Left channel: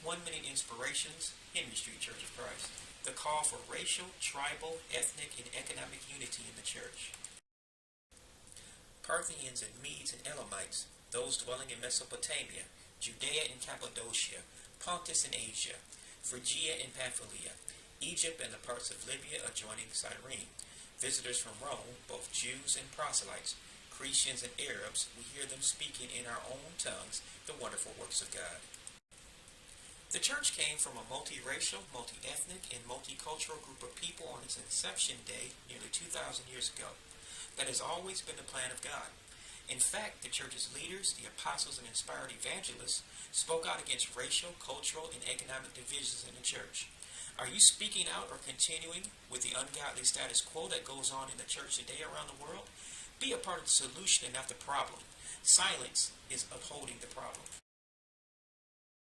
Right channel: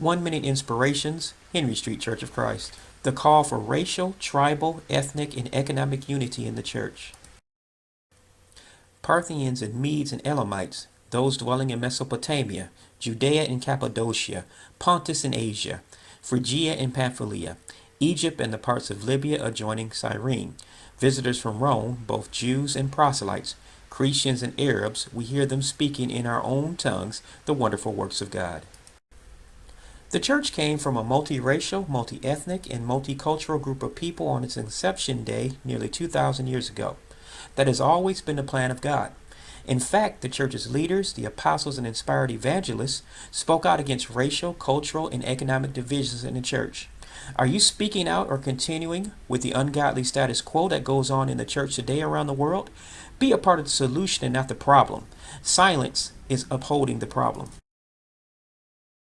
1 Minute Inspirations, Henry Street Church of Christ. The call for racial, tribal, ethnic, and economic unity in the church. Parthians and Medes and Elamites, those dwelling in Mesopotamia, Judea and Cappadocia, Pontus and Asia, Phrygia and Pamphylia, Egypt and the parts of Libya adjoining Cyrene, visitors from Rome, both Jews and proselytes, Cretans and Arabs, we hear them speaking in our own tongues the wonderful works of God. The church came from a multiracial, multi-ethnic, and multicultural group of people on its inception day nearly 2,000 years ago. That has always been the plan of God. In fact, the church's leaders, the apostles and inspired evangelists, spoke out against racial, cultural, and economic divisions in the church. Are you speaking out or continuing with the ungodly status quo that goes on in the church today around the world? Be a part of the solution and not the problem. Silence is upholding the problem.